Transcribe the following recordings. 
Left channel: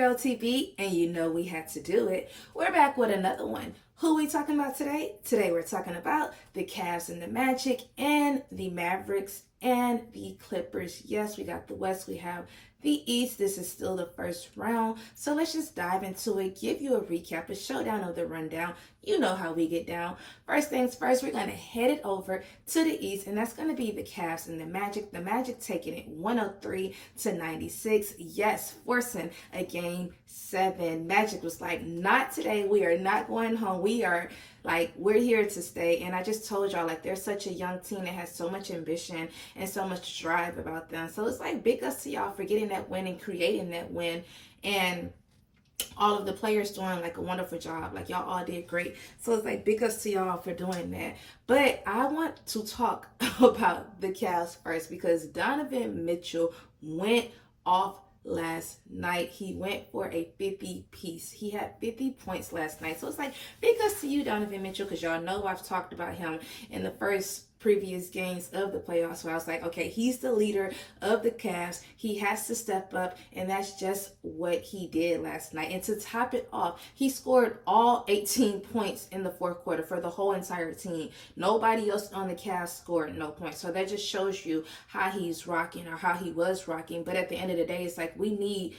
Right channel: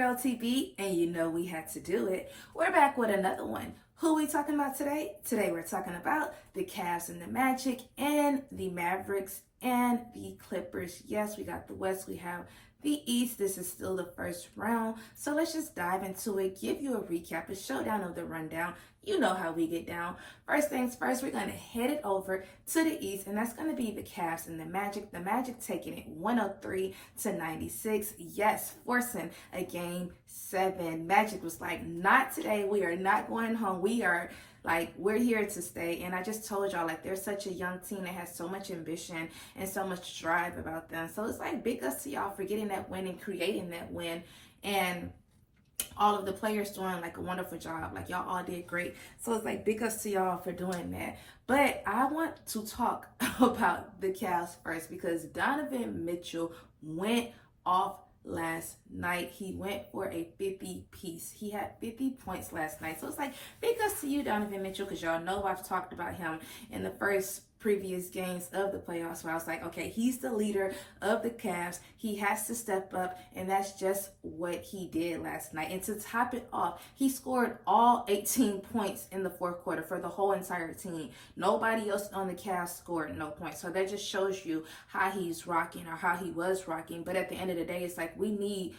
girl TB, and you know we had to do it. We're back with another one. Who we talking about today? Today we're talking about the Cavs and the Magic and the Mavericks and the Clippers. Yes, we got the West, we have the East. This is still the first round. So let's just dive into it, give you a recap, a showdown of the rundown. You know how we get down. First things first, we're going to head it over to the East, and that's going to be the Cavs and the Magic. The Magic taking it 103-96. Yes, forcing a game 7. Magic was like, not today. We are not going home. We're here to stay. And I just told y'all, like, they're such a young team that has so much ambition and so much drive about them. So it's like big ups to y'all for getting that win and creating that win. And all of the players doing like a wonderful job. Like, y'all all did great. So it's like big ups to y'all for doing that. But I want to talk about the Cavs first because Donovan Mitchell went off last night. He went for a 50 piece. He had 50 points last night. So it's like big ups to you, Donovan Mitchell, because y'all know I've talked about him in the first previous games of the playoffs where I was like, okay, he's the leader of the Cavs. He has to step up, and that's just what he did last night. And to top it off, he scored all 18 points in the fourth quarter for the whole entire team. Nobody else on the Cavs scored no points. So that just shows you how he's rocking, or how he was rocking. But at the end of the day, it's like we need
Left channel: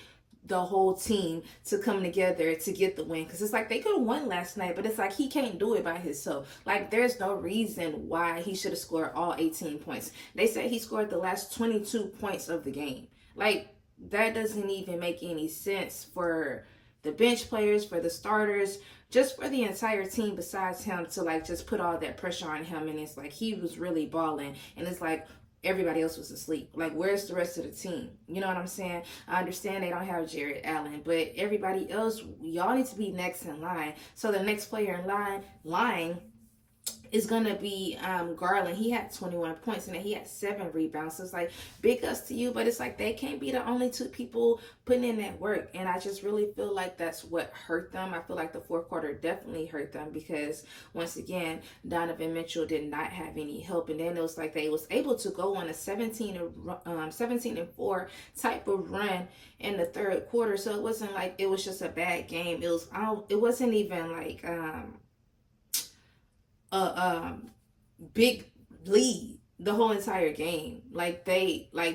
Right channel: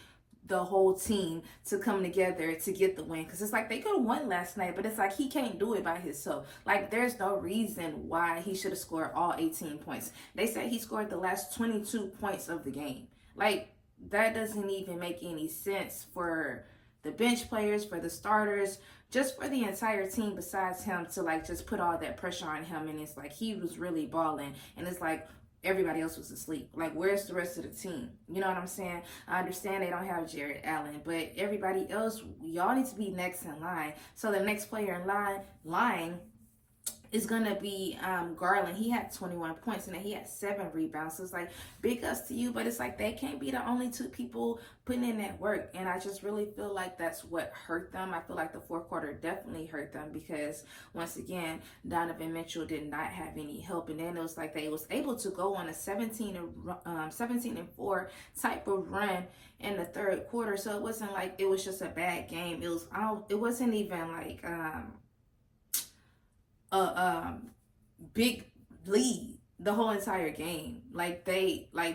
the whole team to come together to get the win, because it's like they could have won last night, but it's like he can't do it by himself. Like, there's no reason why he should have scored all 18 points. They said he scored the last 22 points of the game. Like, that doesn't even make any sense for the bench players, for the starters, just for the entire team besides him to like just put all that pressure on him. And it's like he was really balling, and it's like everybody else was asleep. Like, where's the rest of the team? You know what I'm saying? I understand they don't have Jared Allen, but everybody else, y'all need to be next in line. So the next player in line is going to be Garland. He had 21 points and he had 7 rebounds. So it's like big ups to you, but it's like they can't be the only 2 people putting in that work. And I just really feel like that's what hurt them. I feel like the fourth quarter definitely hurt them because once again, Donovan Mitchell did not have any help. And then it was like they was able to go on a 17-4 type of run in the third quarter. So it wasn't like it was just a bad game. It wasn't even like a big lead the whole entire game. Like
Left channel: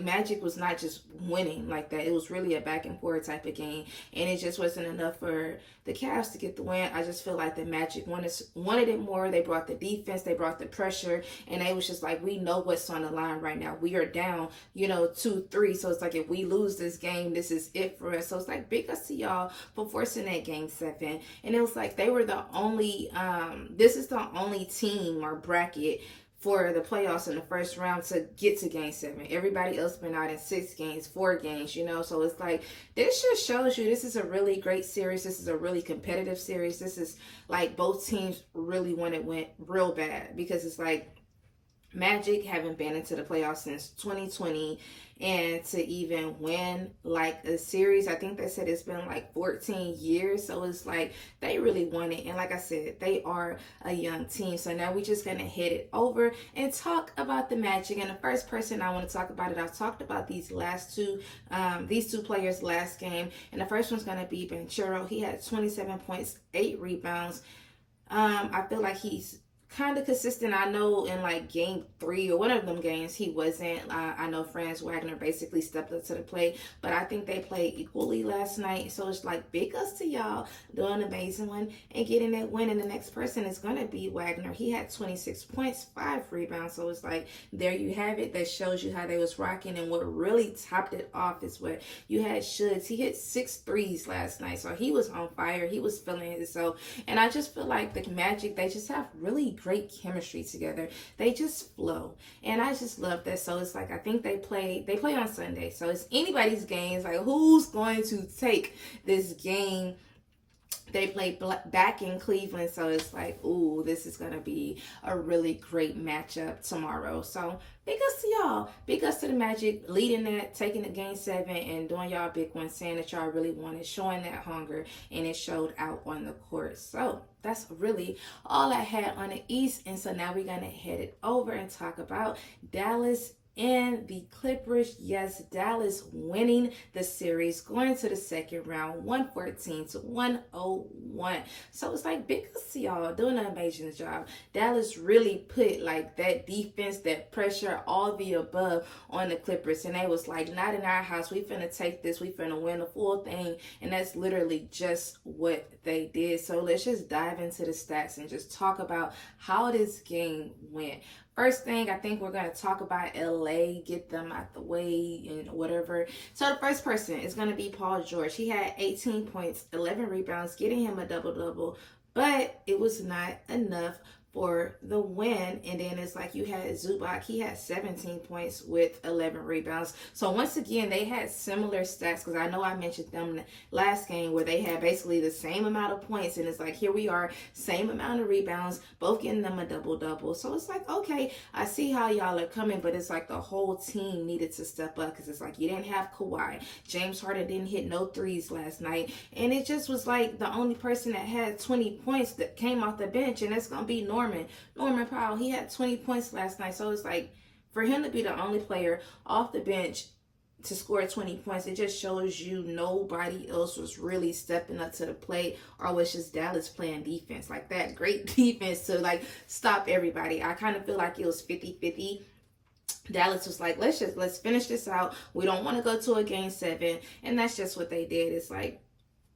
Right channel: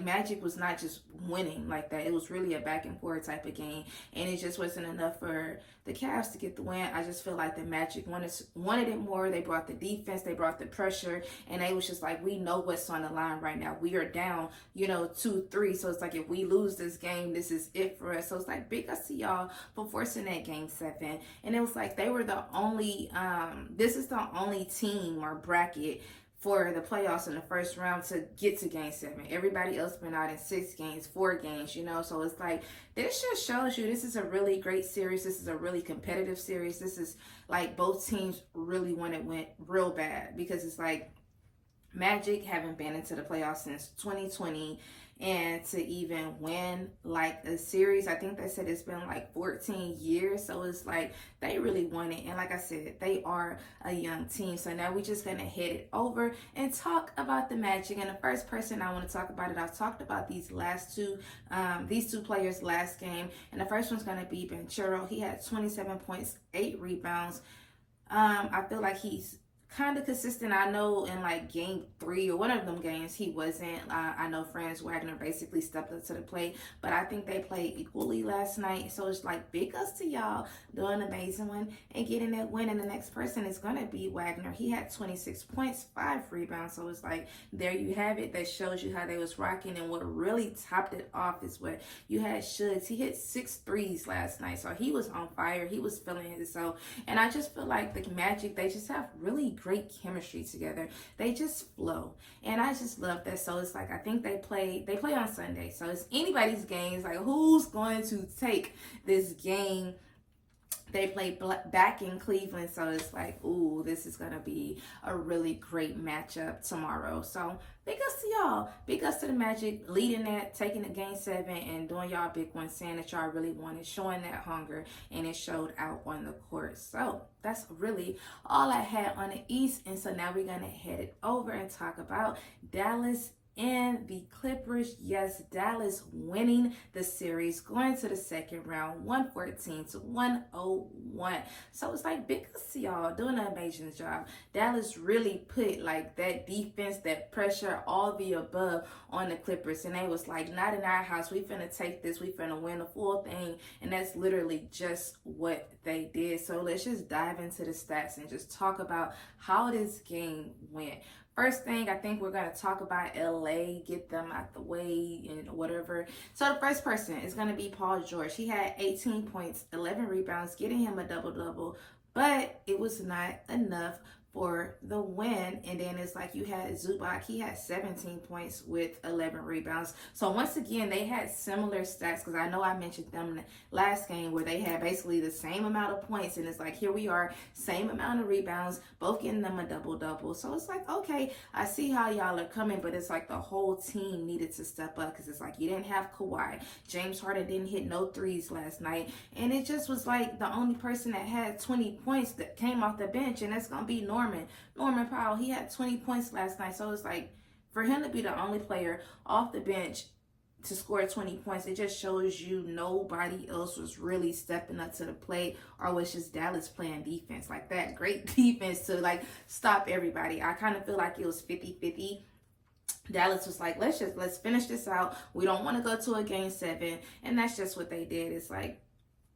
Magic was not just winning like that. It was really a back and forth type of game, and it just wasn't enough for the Cavs to get the win. I just feel like the Magic wanted it more. They brought the defense, they brought the pressure, and they was just like, we know what's on the line right now. We are down, 2-3. So it's like if we lose this game, this is it for us. So it's like big ups to y'all for forcing that game 7. And it was like they were the only this is the only team or bracket for the playoffs in the first round to get to game 7. Everybody else been out in 6 games, 4 games, so it's like this just shows you this is a really great series. This is a really competitive series. This is like both teams really want it went real bad, because it's like Magic haven't been into the playoffs since 2020, and to even win like a series, I think they said it's been like 14 years. So it's like they really want it. And like I said, they are a young team. So now we're just going to head it over and talk about the Magic. And the first person I want to talk about I've talked about these two players last game. And the first one's going to be Banchero. He had 27 points, 8 rebounds. I feel like he's kind of consistent. I know in like game 3 or one of them games he wasn't. I know Franz Wagner basically stepped up to the plate, but I think they played equally last night. So it's like big ups to y'all doing an amazing one and getting that win. And the next person is going to be Wagner. He had 26 points, 5 rebounds. So it's like there you have it. That shows you how they was rocking. And what really topped it off is what you had Shuggs. He hit 6 threes last night, so he was on fire. He was feeling it. So, and I just feel like the Magic, they just have really great chemistry together. They just flow, and I just love that. So it's like I think they play on Sunday, so it's anybody's game. It's like who's going to take this game. They play back in Cleveland, so it's like, ooh, this is gonna be a really great matchup tomorrow. So big ups to y'all, big ups to the Magic leading that, taking the game 7 and doing y'all big one, saying that y'all really wanted, showing that hunger, and it showed out on the court. So that's really all I had on the East. And so now we're gonna head it over and talk about Dallas and the Clippers. Yes, Dallas winning the series, going to the second round, 114-101. So it's like big ups to y'all doing an amazing job. Dallas really put like that defense, that pressure, all the above on the Clippers, and they was like, not in our house. We finna take this. We finna win the full thing, and that's literally just what they did. So let's just dive into the stats and just talk about how this game went. First thing, I think we're going to talk about LA, get them out the way and whatever. So the first person is going to be Paul George. He had 18 points, 11 rebounds, getting him a double-double, but it was not enough for the win. And then it's like you had Zubac. He had 17 points with 11 rebounds. So once again, they had similar stats, because I know I mentioned them last game where they had basically the same amount of points. And it's like, here we are, same amount of rebounds, both getting them a double-double. So it's like, okay, I see how y'all are coming, but it's like the whole team needed to step up, because it's like you didn't have Kawhi. James Harden didn't hit no threes last night. And it just was like the only person that had 20 points that came off the bench, and that's going to be Norman Powell. He had 20 points last night. So it's like, for him to be the only player off the bench to score 20 points, it just shows you nobody else was really stepping up to the plate, or was just Dallas playing defense like that. Great defense to like stop everybody. I kind of feel like it was 50-50. Dallas was like, let's finish this out. We don't want to go to a game 7. And that's just what they did. It's like,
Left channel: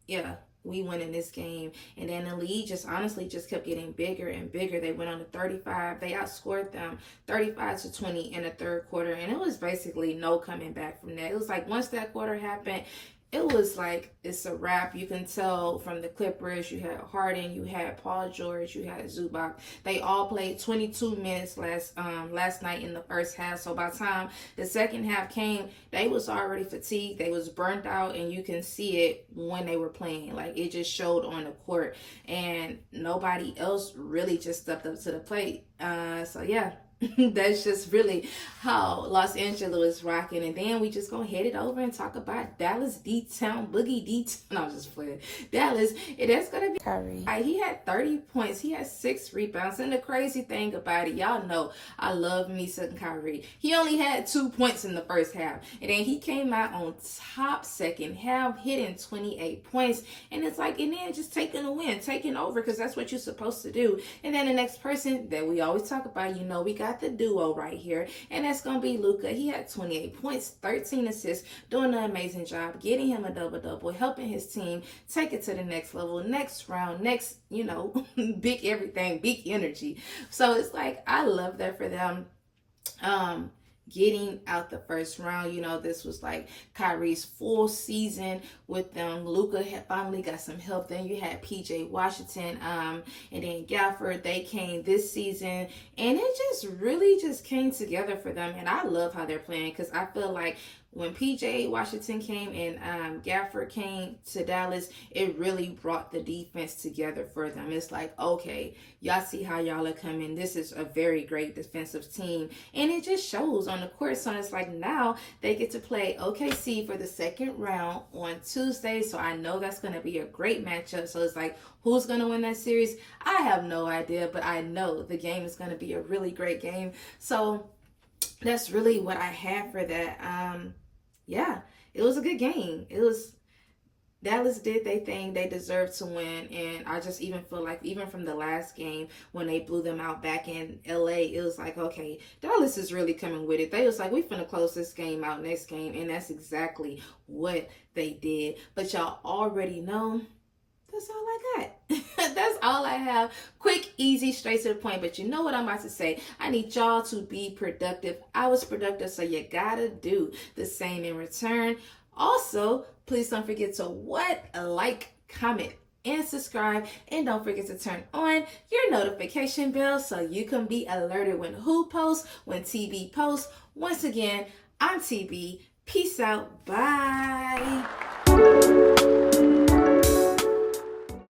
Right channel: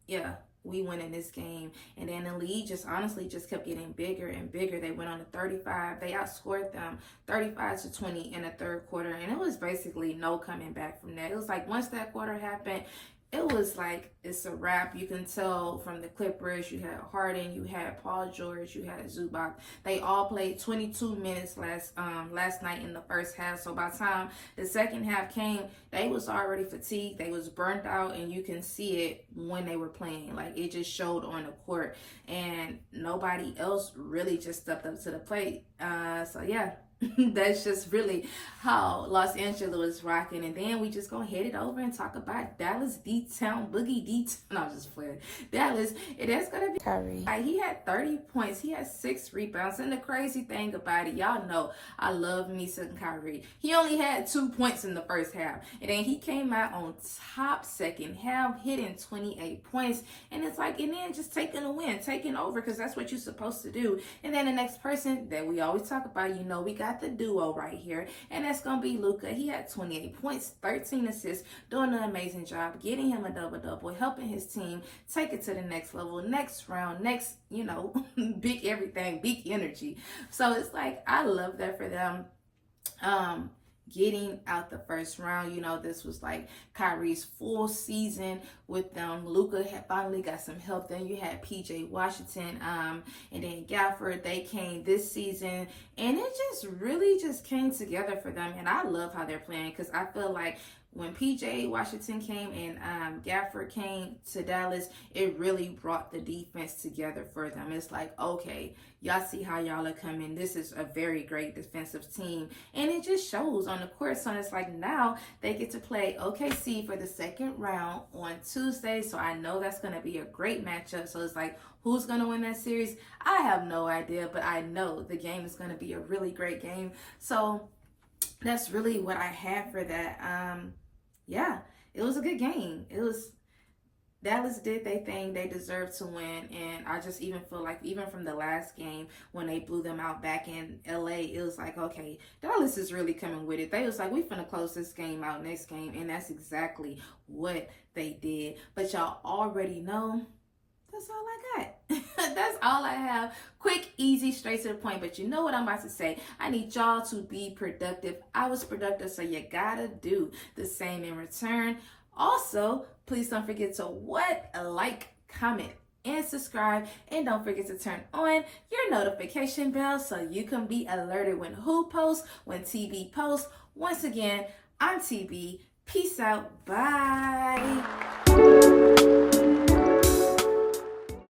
yeah, we win in this game. And then the lead just honestly just kept getting bigger and bigger. They went on to 35. They outscored them 35-20 in the third quarter. And it was basically no coming back from that. It was like once that quarter happened, it was like it's a wrap. You can tell from the Clippers, you had Harden, you had Paul George, you had Zubac. They all played 22 minutes last night in the first half. So by the time the second half came, they was already fatigued. They was burnt out, and you can see it when they were playing. Like, it just showed on the court, and nobody else really just stepped up to the plate. So yeah. That's just really how Los Angeles was rocking. And then we just gonna head it over and talk about Dallas D-Town, Boogie D-Town. No, I'm just playing. Dallas, and that's gonna be Kyrie. He had 30 points. He had 6 rebounds. And the crazy thing about it, y'all know I love me some Kyrie. He only had 2 points in the first half. And then he came out on top second half, hitting 28 points. And it's like, and then just taking a win, taking over, because that's what you're supposed to do. And then the next person that we always talk about, you know, we got the duo right here, and that's gonna be Luka. He had 28 points, 13 assists, doing an amazing job, getting him a double-double, helping his team take it to the next level, next round, next, you know, big everything, big energy. So it's like, I love that for them. Getting out the first round, you know, this was like Kyrie's full season with them. Luka had finally got some help. Then you had PJ Washington, and then Gafford. They came this season, and it just really just came together for them. And I love how they're playing, because I feel like when PJ Washington came and Gafford came to Dallas, it really brought the defense together for them. It's like, okay, y'all see how y'all are coming. This is a very great defensive team. And it just shows on the court. So it's like now they get to play OKC for the second round on Tuesday. So I know that's going to be a great matchup. So it's like, who's going to win that series? I have no idea, but I know the game is going to be a really great game. So that's really what I have for that. Yeah, it was a good game. It was, Dallas did their thing. They deserved to win. And I just even feel like, even from the last game when they blew them out back in LA, it was like, okay, Dallas is really coming with it. They was like, we finna close this game out next game. And that's exactly what they did. But y'all already know, that's all I got. That's all I have. Quick, easy, straight to the point. But you know what I'm about to say. I need y'all to be productive. I was productive, so you gotta do the same in return. Also, please don't forget to like, comment, and subscribe. And don't forget to turn on your notification bell so you can be alerted when who posts, when TB posts. Once again, I'm TB. Peace out. Bye.